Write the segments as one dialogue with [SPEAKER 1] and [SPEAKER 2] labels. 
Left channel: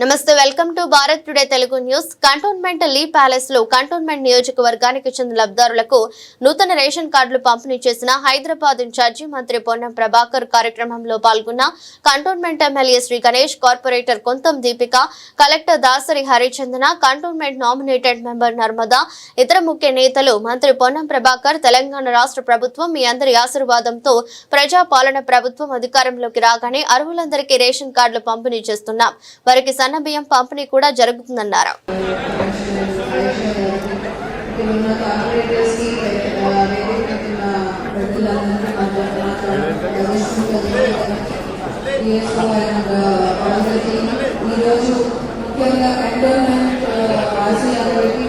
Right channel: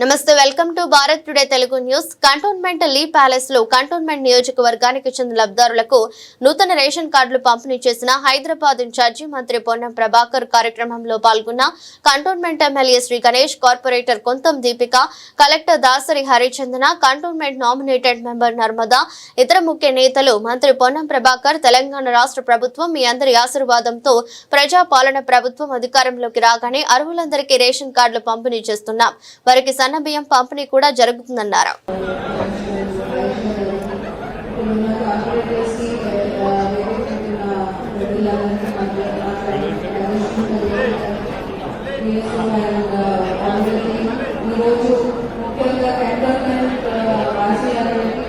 [SPEAKER 1] నమస్తే welcome to Bharat today Telugu news. Cantonment లీ ప్యాలెస్లో cantonment నియోజకవర్గానికి చెందిన లబ్ధారులకు నూతన రేషన్ కార్డులు పంపిణీ చేసిన హైదరాబాద్ ఇన్ఛార్జి మంత్రి పొన్నం ప్రభాకర్ కార్యక్రమంలో పాల్గొన్న cantonment MLA Shri Ganesh corporator Kontham Deepika collector Dasari Harichandana cantonment nominated member Narmada ఇతర ముఖ్య నేతలు మంత్రి పొన్నం ప్రభాకర్ తెలంగాణ రాష్ట్ర ప్రభుత్వం మీ అందరి ఆశీర్వాదంతో ప్రజా పాలన ప్రభుత్వం అధికారంలోకి రాగానే అర్హులందరికీ రేషన్ కార్డులు పంపిణీ చేస్తున్నాం. వారికి బియ్యం పంపిణీ కూడా జరుగుతుందన్నారు.
[SPEAKER 2] ఈరోజు ముఖ్యంగా కంటోన్మెంట్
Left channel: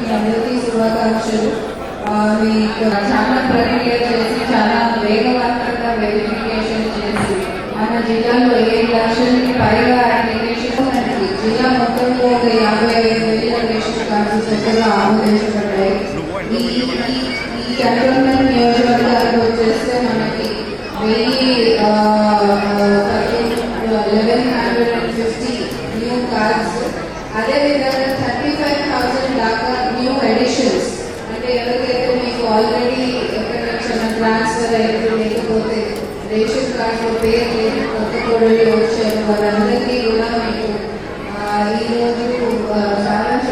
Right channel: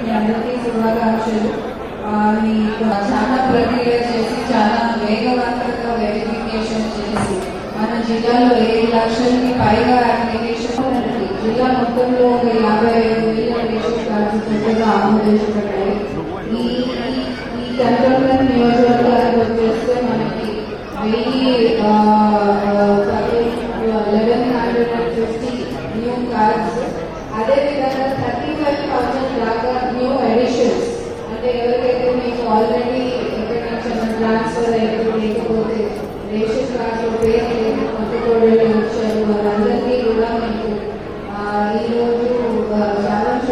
[SPEAKER 2] మీ అందరికీ శుభాకాంక్షలు మీకు చాలా ప్రక్రియ చేసి చాలా వేగవంతంగా వెరిఫికేషన్ చేసి మన జిల్లాలో ఏడు లక్షలకి పైగా అప్లికేషన్ మనకి జిల్లా మొత్తంలో ఒక యాభై ఐదు వేల రేషన్ కార్డు సెంటర్లో ఈ ఈ- ఈ నియోజకవర్గాలకు వచ్చేస్తే మనకి వెయ్యి eleven hundred and fifty new cards అదేవిధంగా థర్టీ ఫైవ్ థౌసండ్ దాకా న్యూ ఎడిషన్స్ అంటే ఎవరికైతే మీకు ఆల్రెడీ ఎక్కడికైనా ట్రాన్స్ఫర్ అయితే లేకపోతే రేషన్ కార్డు పేరు లేదు కొత్త కోడలు వచ్చారు వారందరికీ కూడా మీకు ఆ, ఈరోజు ఆ, బ్యాలెన్స్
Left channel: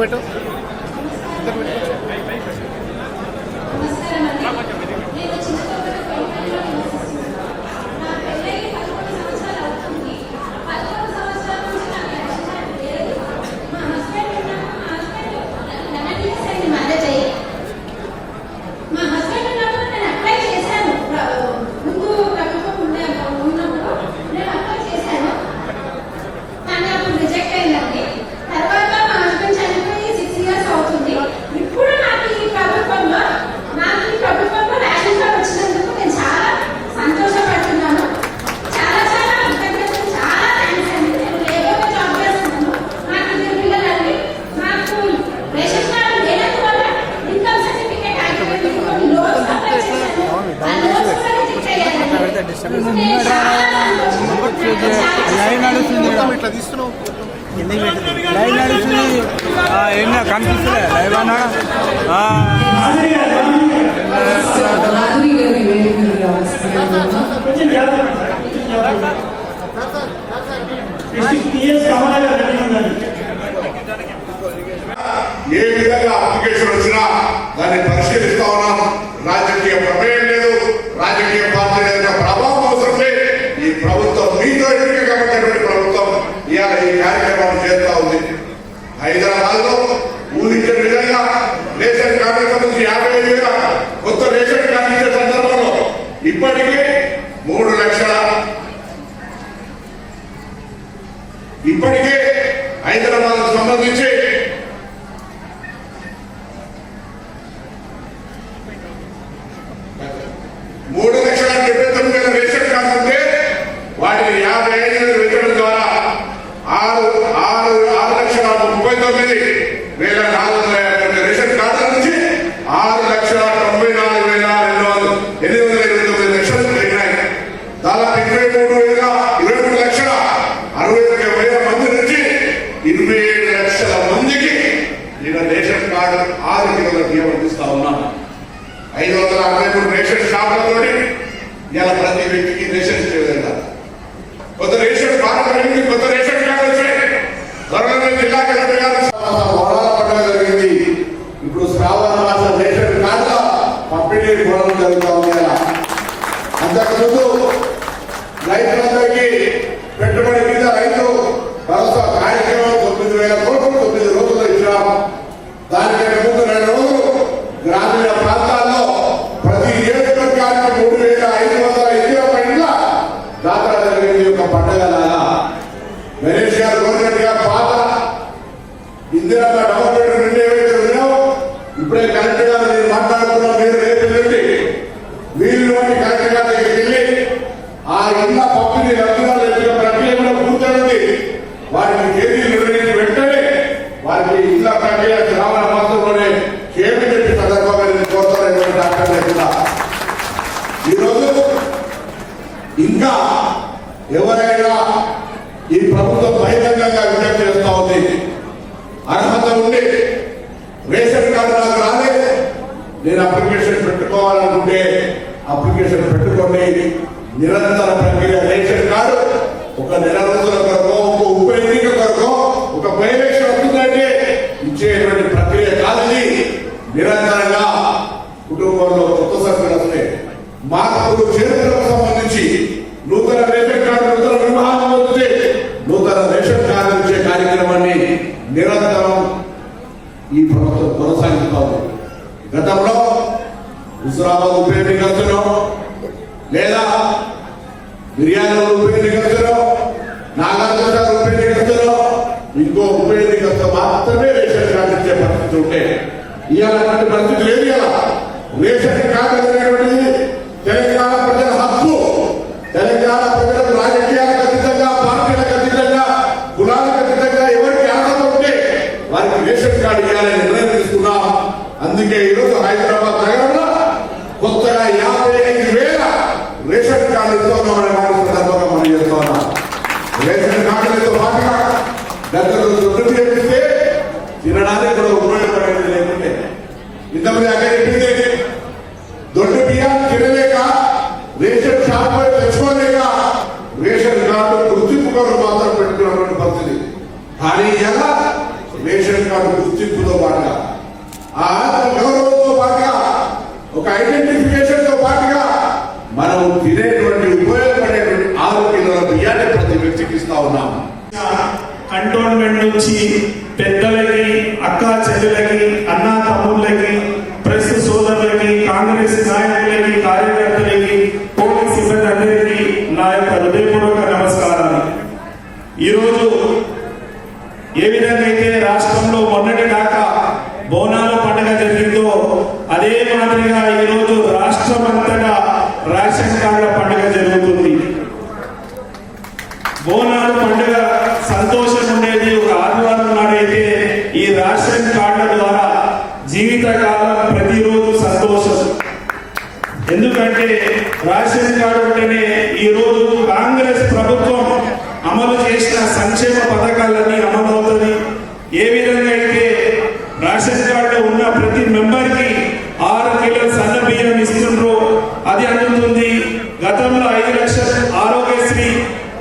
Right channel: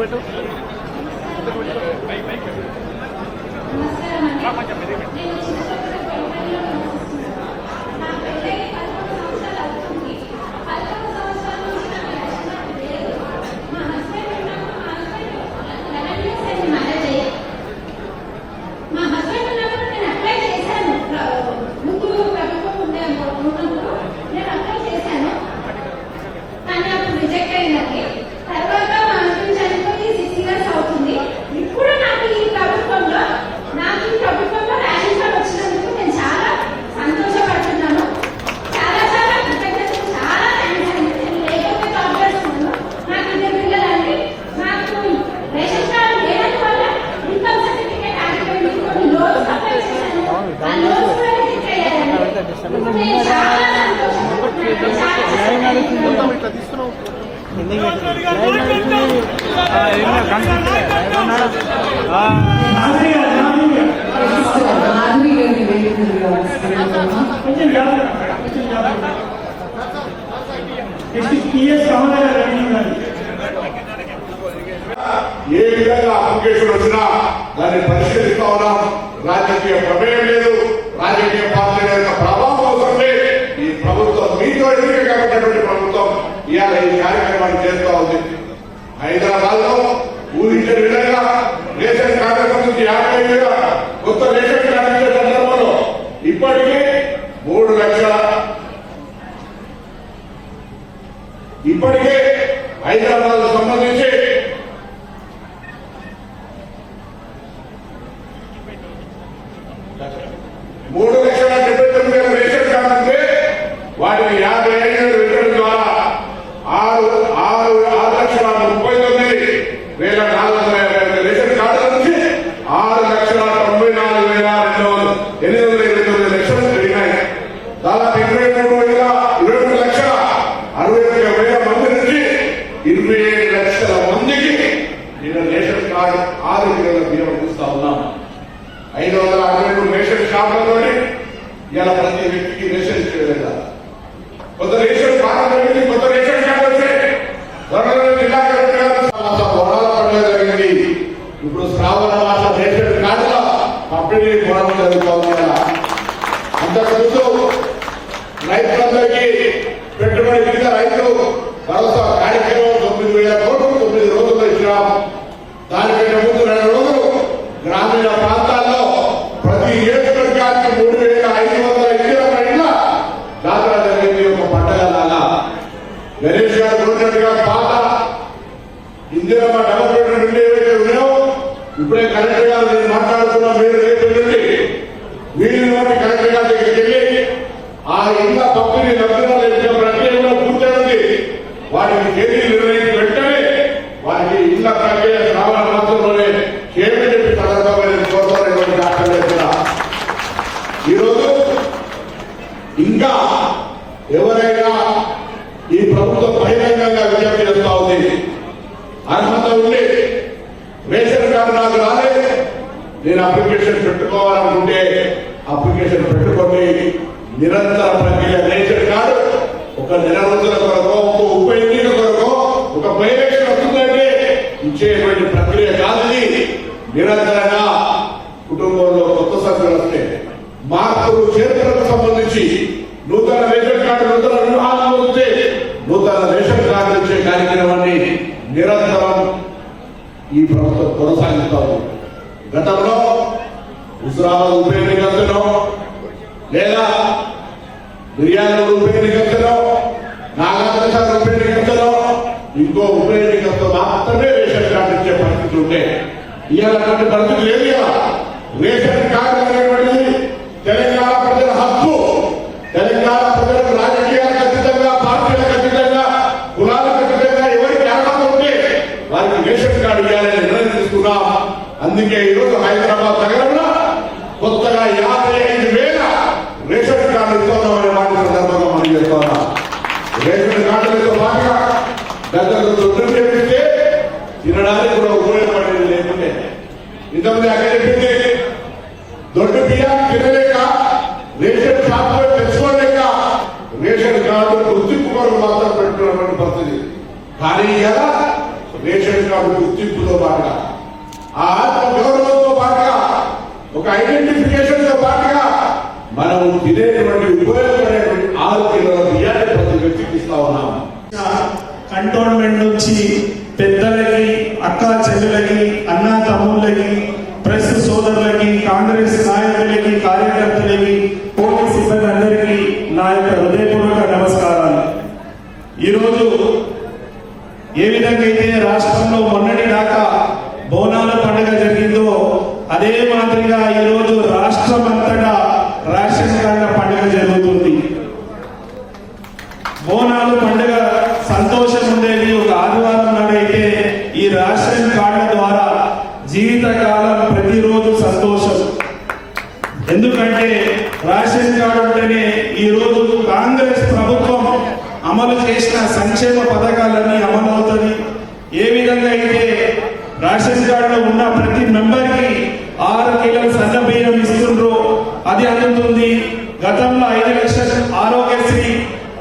[SPEAKER 3] పెట్టు
[SPEAKER 4] మా హస్బెండ్ ఉన్నప్పుడు నేను అప్లై చేశాను ముందు కట్టుకోకుండా ఉన్నప్పుడు నేను అప్లై చేశాను కానీ అప్పుడు రిజెక్ట్ అయిందండి తర్వాత మా హస్బెండ్ చనిపోయి సిక్స్ ఇయర్స్ అవుతుంది ఇప్పుడు నాకు ఈ ప్రభుత్వంలో నాకు ఈ ప్రభుత్వంలో రేషన్ కార్డ్ వచ్చినందుకు నేను చాలా సంతోషపడుతున్నాను చాలా చాలా కృతజ్ఞతలు చాలా థ్యాంక్స్ అండి నేను లేబర్గా జాబ్ చేస్తున్నాను నాకు ఇద్దరు పిల్లలండి నాకు రేషన్ కార్డు లేనందువల్ల ఇన్కమ్ సర్టిఫికేట్ ఆగిపోయింది కొన్ని లోన్స్ అప్లై చేశాను ఆ లోన్స్ కూడా రిజెక్ట్ అయ్యాయండి నేను చాలా
[SPEAKER 3] పెట్టదు ఆ, ఏం లేదు, కనిపిస్తలే లైవ్ అన్నాడు. ఆ,
[SPEAKER 2] మాధురి గారి వేదిక మీద వస్తున్నాను.
[SPEAKER 5] కొంచెం జాగ్రత్త కొంచెం జాగ్రత్త నెక్స్ట్ టీఎస్ రమణ గారు రెడీ ఉన్నారు
[SPEAKER 6] ఏ విధంగా అప్లికేషన్ వచ్చినా దాన్ని పరిశీలిస్తా ఉన్నాం రాజకీయ ప్రమేయం లేదు రాజకీయ పార్టీల యొక్క ప్రభావం అవసరం లేదు ఈ ప్రభుత్వం మీతో ఎన్నిక కాబట్టినటువంటి ప్రభుత్వం ఇవాళ ఈ కార్యక్రమాన్ని చేస్తా ఉంది హైదరాబాద్లో ఊహించిన విధంగా రేషన్ కార్డుల నుంచి యాభై ఐదు వేల కొత్త రేషన్ కార్డు ఇచ్చే సందర్భంలో ఇప్పటికే మూడు లక్షల ఇప్పటికే హైదరాబాద్ సంబంధించి మూడు లక్షల డెబ్బై తొమ్మిది వేల రేషన్ కార్డు ఉంటే వాటిని యాభై ఐదు వేలు పెట్టడం ద్వారా ఆరు ఆరు ఆరు లక్షల ముప్పై తొమ్మిది వేల నాలుగు వందల యాభై ఎనిమిది రేషన్ కార్డుల నుంచి ఆరు లక్షల తొంభై నాలుగు వేల రెండు వందల ఎనిమిది వందల ఇరవై తొమ్మిది లక్షలు పెరిగినాయి దాదాపు ఇరవై మూడు వేల ఇరవై మూడు లక్షల అరవై ఒక్క వేల మంది నుంచి ఇరవై ఏడు లక్షల మందికి నేను రేషన్ కార్డు ఆరు కిలోల బియ్యం అందిస్తా ఉన్నాను ఐదు వందల అరవై మూడు రేషన్ షాపులతోటి ఇలా ప్రతి వ్యక్తికి రేషన్ ఇచ్చే విధంగా కొత్త రేషన్ కార్డు వ్యక్తి కొత్త రేషన్ కార్డు వచ్చాయి త్వరలో జిల్లా కలెక్టర్ గారు వరాల పండుగ జరిగింది. ఇప్పుడు శ్రావణ మాస రేషన్ కార్డుల పంపిణీ పొలం జరుగుతూ ఉంది అంతకుముందు రైతులందరికీ పెట్టుబడి కింద రైతు భరోసా కార్యక్రమం తొమ్మిది వేల కోట్లు తొమ్మిది రోజుల్లో ఇచ్చినాం. దానికంటే ముందు రెండు రోజులు గ్రామీణ ప్రాంతాల్లో ప్రతి నియోజకవర్గానికి మూడు తొమ్మిది రంధ్రాలు వేసిన ప్రక్రియలో కూర్చున్నది వారికి తేదీ నిర్ణయించి వెంటనే వారికి ఇళ్ళ ప్రక్రియ చాలా మాత్రంలోనే కేబినెట్ సందర్భమైన కోసమైనటువంటి ఈరోజు ఇంకా ఎవరైనా ఈ ప్రభుత్వం బహిరంగంగా విజ్ఞప్తి చేస్తా ఉంది. అర్హత ఉండి రేషన్ కార్డు నాకు రాలేదు నేను అప్లికేషన్ పెట్టుకోవాలనుకుంటే అప్లికేషన్ పెట్టుకొని నిరంతర ప్రక్రియ రేషన్ కాదు. ఒక నెల రోజుల కొరకు ఒక ఉప ఎన్నిక కొరకు ఒక బైలేషన్ వస్తుందంటే ఇచ్చేటువంటి ప్రక్రియ కాదు నిరంతరంగా కుటుంబంలో కొత్త సభ్యులు వస్తే మార్పులు చేతులకు సంబంధించి నూతన గతంలో దుడ్డు చేపిస్తే తినడానికి కూడా ఉపయోగపడేది లేకుంటే. ఇంతమంది అక్కడ చెప్పింది దొడ్డు బియ్యాన్ని తినలేక రేషన్ షాప్ తెచ్చుకోలేక రేషన్ కార్డు గుర్తింపు మాత్రం పెట్టుకున్నటువంటి పరిస్థితి కానీ ఎలా రేషన్ కార్డు గుర్తింపుతో పాటుగా ఆ ఆత్మ గౌరవంతో ఒక ఐడెంటిఫికేషన్తో పాటుగా మనం తినేటువంటి ఉపయోగపడేటువంటి ఆరు కిలోల బియ్యాన్ని ప్రతి వ్యక్తికి ఇస్తా ఉన్నాము.
[SPEAKER 5] కంటోన్మెంట్ నుంచి పెద్దలకి అక్క చెల్లెలకి అన్న తమ్ముళ్ళకి ప్రెస్ సోదరులకి కాంగ్రెస్ నాయకులకి కార్యకర్తలకి పోలీస్ సిబ్బంది అందరికీ నా యొక్క హృదయపూర్వక నమస్కారాలు. ఈరోజు ఏ విధంగా అయితే రాష్ట్రంలో మొన్నటి దాకా బోనాల పండుగ జరిగిందో అదే మాదిరిగా ఈరోజు రాష్ట్రం అంతటా రేషన్ కార్డుల పండుగ జరుగుతుంది బోనాలు పండుగ సంతోషం ఉండేది ఒక ఆదివారం నాడైతే ఈ రేషన్ కార్డుల ద్వారా జీవితకాలం ప్రతిరోజు సంతోషం ఎందుకంటే రేషన్ కార్డు ఉంటేనే ఈ రోజు కాంగ్రెస్ ప్రభుత్వం అమలు చేసిన సంక్షేమ పథకాలన్నీ అమలవుతుంది. ఏ విధంగా అయితే రేషన్ కార్డులో ఉన్న ప్రతి మెంబర్కి ఆరు కిలోల సన్న బియ్యం ఇస్తుండ్రు అది అందుతుంది. గతంలో ఐదు లక్షల ఆరోగ్యశ్రీ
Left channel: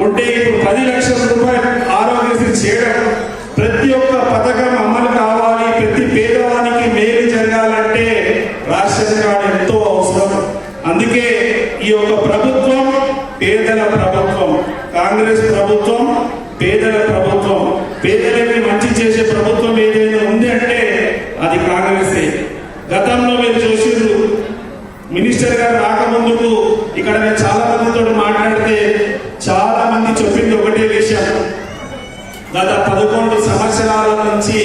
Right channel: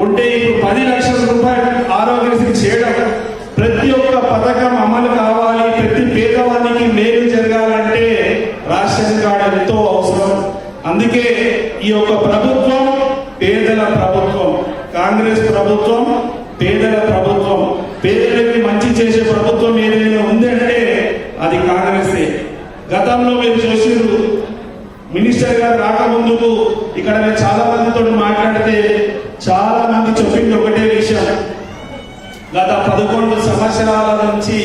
[SPEAKER 5] ఉంటే ఇప్పుడు పది లక్షల రూపాయలు ఆరోగ్యశ్రీ చేయడం. ప్రతి ఒక్క పథకం అమలు కావాలి. ప్రతి పేదవానికి మేలు జరగాలంటే రేషన్ కార్డు ఎంతో అవసరం. అందుకే ఈ యొక్క ప్రభుత్వం పేదల ప్రభుత్వం కాంగ్రెస్ ప్రభుత్వం పేదల ప్రభుత్వం పేదలకి మంచి చేసే ప్రభుత్వం ఏదైనా ఉంది అంటే అది కాంగ్రెసే గతంలో మీరు చూసిర్రు మినిస్టర్ గారు రాకముందుకు ఇక్కడ నేను చాలా మందితో మాట్లాడితే చాలా మంది చెప్పింది ఒకటే విషయం. గత పదకొండు సంవత్సరాల నుంచి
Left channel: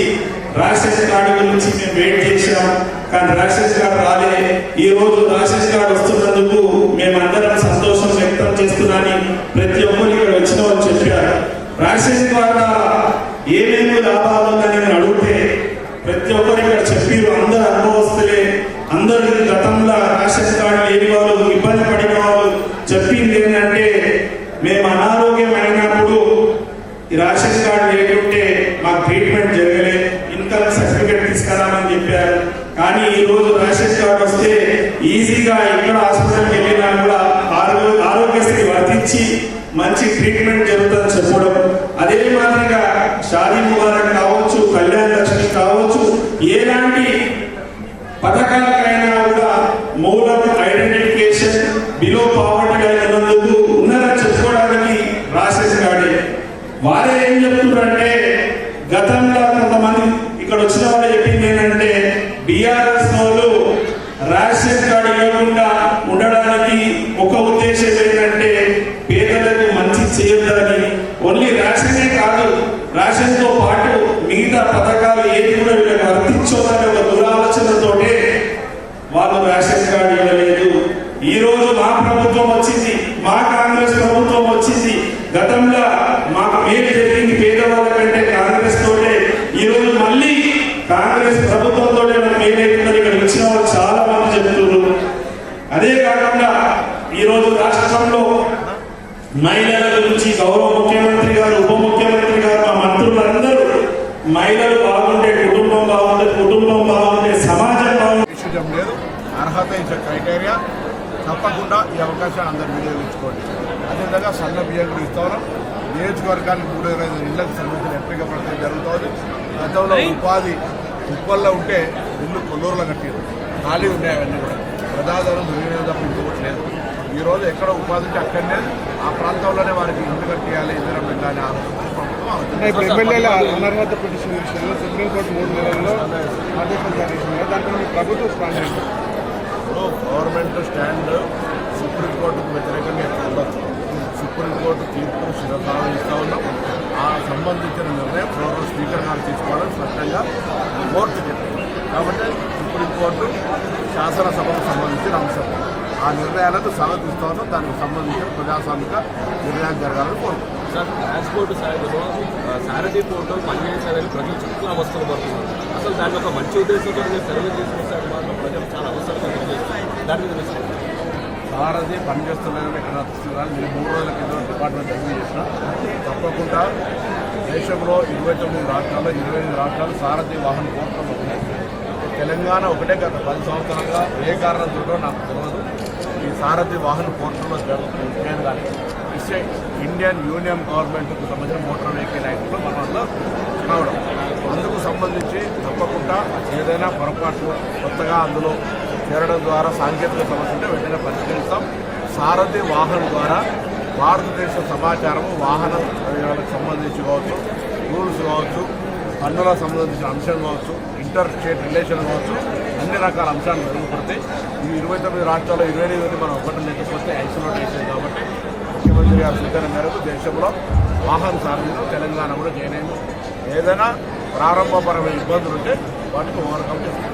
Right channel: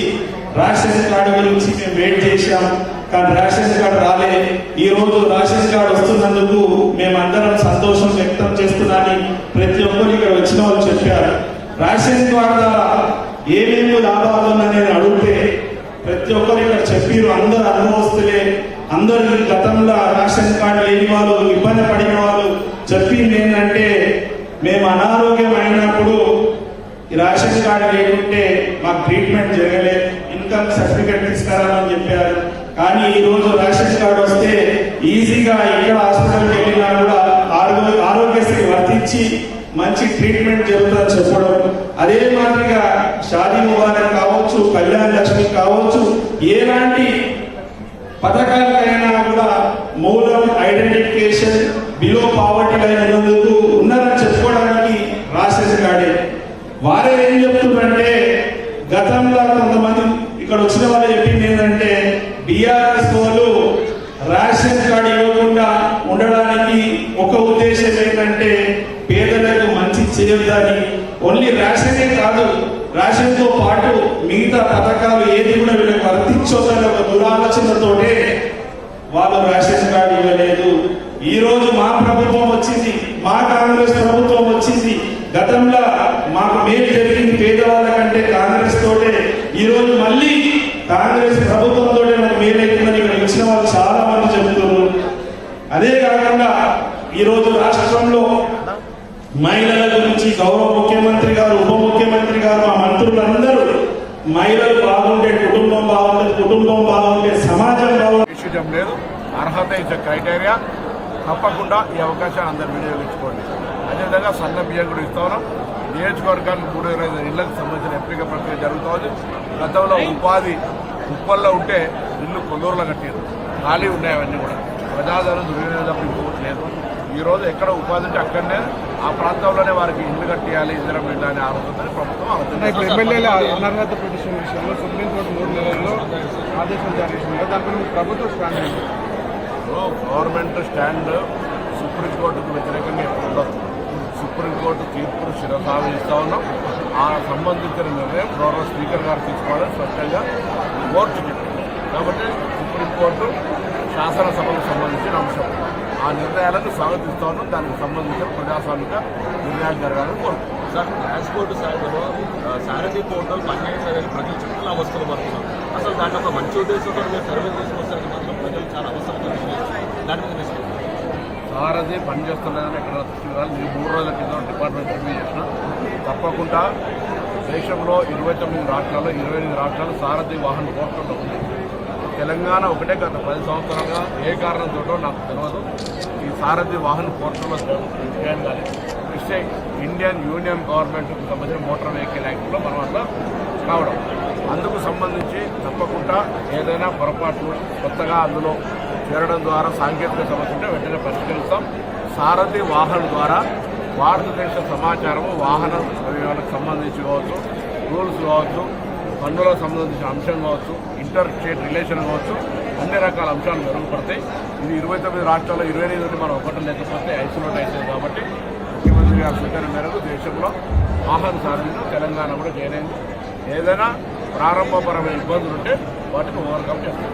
[SPEAKER 5] రాక్షస గాడి గురించి మేము వెయిట్ చేశాం. కానీ రాక్షస గాడు రాలే. ఈ రోజు రాక్షస గాడు వస్తున్నందుకు మేమందరం సంతోషం వ్యక్తం చేస్తున్నాని ప్రతి ఒక్కరు ఇక్కడ వచ్చిన వాళ్ళు చెప్పారు. రాక్షస కార్డు ఏమేమి లాభాలు ఉన్నాయని అడిగితే ప్రతి ఒక్కరు ఇక్కడ చెప్పారు అందరు అనుభవస్తులే. అందరు గతంలో రాక్షస కార్డు లేని వాళ్ళు మంచి ట్రీట్మెంట్ జరుగుతుందని చెప్పడం. అదే మాదిరిగా షాదీ ముబారక్ కావచ్చు కళ్యాణ లక్ష్మి కావచ్చు ఎలాంటి పథకాలకైనా కూడా మూలం ఐడెంటిఫికేషన్ బిలో పావర్టీ లైన్ ఉన్నందుకు ఉన్నారని చెప్పుకోవడానికి రాసేసి కాడే వారే ఏం చెప్తున్నారంటే గతంలో కొంతమంది ఇక్కడ వచ్చిన వాళ్ళు చెప్పింది ఏంటంటే బీఆర్ఎస్ వాళ్ళు రేషన్ కార్డు ఇవ్వకుండా ఉండడానికి
[SPEAKER 6] తప్పకుండా ఈ అవకాశాన్ని అందరు వినియోగించుకోండి. అదేవిధంగా సన్న బియ్యం కూడా ఇస్తా. ఉన్నాం నియోజకవర్గానికి మూడు ఇరవై ఐదు ఇళ్ళకు సంబంధించిన ఎంపిక ప్రక్రియ జరుగుతోంది. గతంలో ఉపాధి ఉప్పల్లో ఉంటే ఇల్లు కొల్లూరులో కట్టారు ఖాళీ ఉన్నాయి అవన్నీ కూడా. ప్రజాధనం దుర్వినియోగం తప్ప ఇంకొకటి లేదు. ఈ రోజు ఎక్కడ ఉపాధి ఉంటే అక్కడనే ఆ ప్రాంతంలోనే వారికి ఇల్లు కట్టేయాలి ఇందిరం అనే ఆలోచన ప్రభుత్వం
[SPEAKER 3] అంటే ఇప్పుడు
[SPEAKER 6] ఆలోచన
[SPEAKER 3] ఎమ్మెల్యేల అనర్హత పిటిషన్ విషయంలో సుప్రీంకోర్టు మూడు నెలల్లో ఆదేశాలు జారీ చేసింది. దానిపై ప్రభుత్వం ఏంటి?
[SPEAKER 6] ఇప్పుడు గవర్నమెంట్ స్టాండ్ సుప్రీంకోర్టుకు వ్యతిరేకంగా ఎప్పుడు ఉండదు. సుప్రీంకోర్టు తీర్పును శిరసావహిస్తూ ఉన్నాం. ఆ సంబంధించిన నిర్ణయం గౌరవ స్పీకర్ గారు తీసుకోవాలని స్పష్టంగా కోర్టు చెప్పింది కాబట్టి సుప్రీంకోర్టు శాసనసభకు సంబంధించిన అంశం. ఆ నిర్ణయాలను స్వాగతిస్తూ ఉన్నాం దానికి సంబంధించిన ప్రజాస్వామిక నిర్ణయాలు జరగాలని కోరుకుంటున్నాం
[SPEAKER 7] సార్ ట్రాన్స్పోర్ట్ సారథి ప్రజలు చుట్టూ అవస్థలు పడుతున్నారు. అసలు దాన్ని ఒక మంచి ఉద్దేశంతో మీరు సర్వే మాత్రం ప్రజలు చాలా అవసరం దాని మీద తీసుకుంటారు?
[SPEAKER 6] సారథి పనిచేస్తలేదని ఎక్కడ తీసుకురాలి నేను మూడు రోజుల కింద డిపార్ట్మెంట్ రివ్యూ చేసిన. తప్పకుండా దేశంలో ఇరవై తొమ్మిది రాష్ట్రాల్లో ఇరవై ఎనిమిది రాష్ట్రాలు సారథి వాహన పోర్టల్లో ఉన్నాయి తెలంగాణ ఒకటే గత పది సంవత్సరాలుగా ఏ కారణంతో నాకు తెలియదు ఈ సారథి వాహన పోర్టల్లో చేయడం కానీ ఇట్స్ ఇండియన్ యూనియన్ గవర్నమెంట్కు సంబంధించిన మోటార్ వెహికల్ యాక్ట్లో మనం అందులో కావడం అందుకు సంబంధించి తప్పకుండా ఏదైనా పొరపాట్లు కొత్తగా అందులో చేరడం ద్వారా సాంకేతిక సమస్య ఉంటే వెంటనే పరిష్కరిస్తాం. సారథి వాహనం ద్వారా భారతదేశ సమాచారము వాహన వ్యయాలకు సంబంధించి కావచ్చు రూల్స్ కావచ్చు పన్నులకు సంబంధించిన అంశం కావచ్చు ఇంటర్ స్టేట్ రిలేషన్ కావచ్చు అన్ని రకాల అంశాలు మెరుగుపడతాయి. ఇది ఇరవై తొమ్మిది రాష్ట్రాల్లో ఇరవై ఎనిమిది మనం ఒకటి లేకపోతే ఐసోలేట్ అవుతుంది కాబట్టి ముఖ్యమంత్రి గారి సూచన మేరకు దేశంలో ఆహార సారథిలో తెలంగాణ కూడా జాయిన్ అయింది. ఏదైనా ప్రారంభపరమైన ఇబ్బందులు ఉంటే వాటిని ఓవర్కమ్ చేస్తాం.